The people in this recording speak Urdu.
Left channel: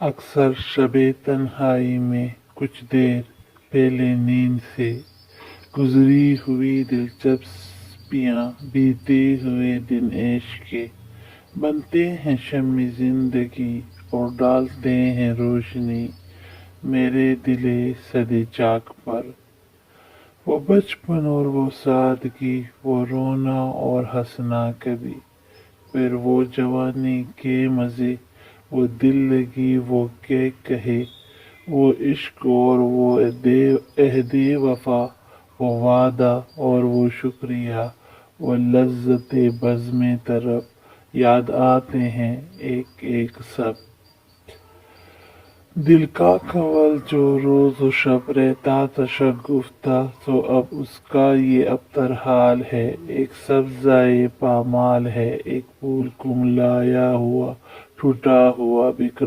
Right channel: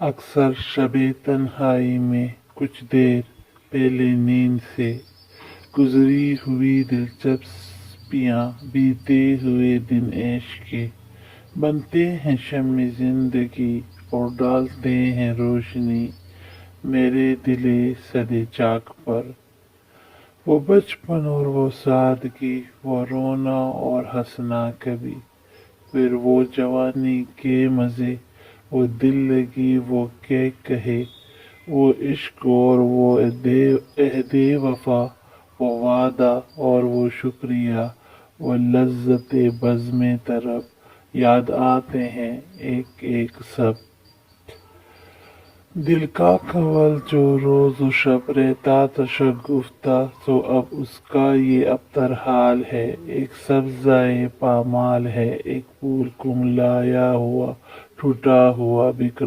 اکثر شب تنہائی میں کچھ دیر پہلے نیند سے گزری ہوئی دلچسپیاں، بیتے ہوئے دن عشق کے بنتے ہیں شمع زندگی اور ڈالتے ہیں روشنی میرے دل سدے چاک پر۔ وہ بچپن اور وہ سادگی، وہ رونا اور ہنسنا کبھی، پھر وہ جوانی کے مزے، وہ دل لگی، وہ کہے، وہ عشق اور وہ عہد وفا، وہ وعدہ اور وہ شکریہ، وہ لذت بزم طرب، یاد آتے ہیں ایک ایک سب۔ دل کا کنول جو روز و شب رہتا تھا شگفتہ، سو اب اس کا یہ ابتر حال ہے۔ ایک سبزۂ پامال ہے، ایک پھول کملایا ہوا، ٹوٹا ہوا، بکھرا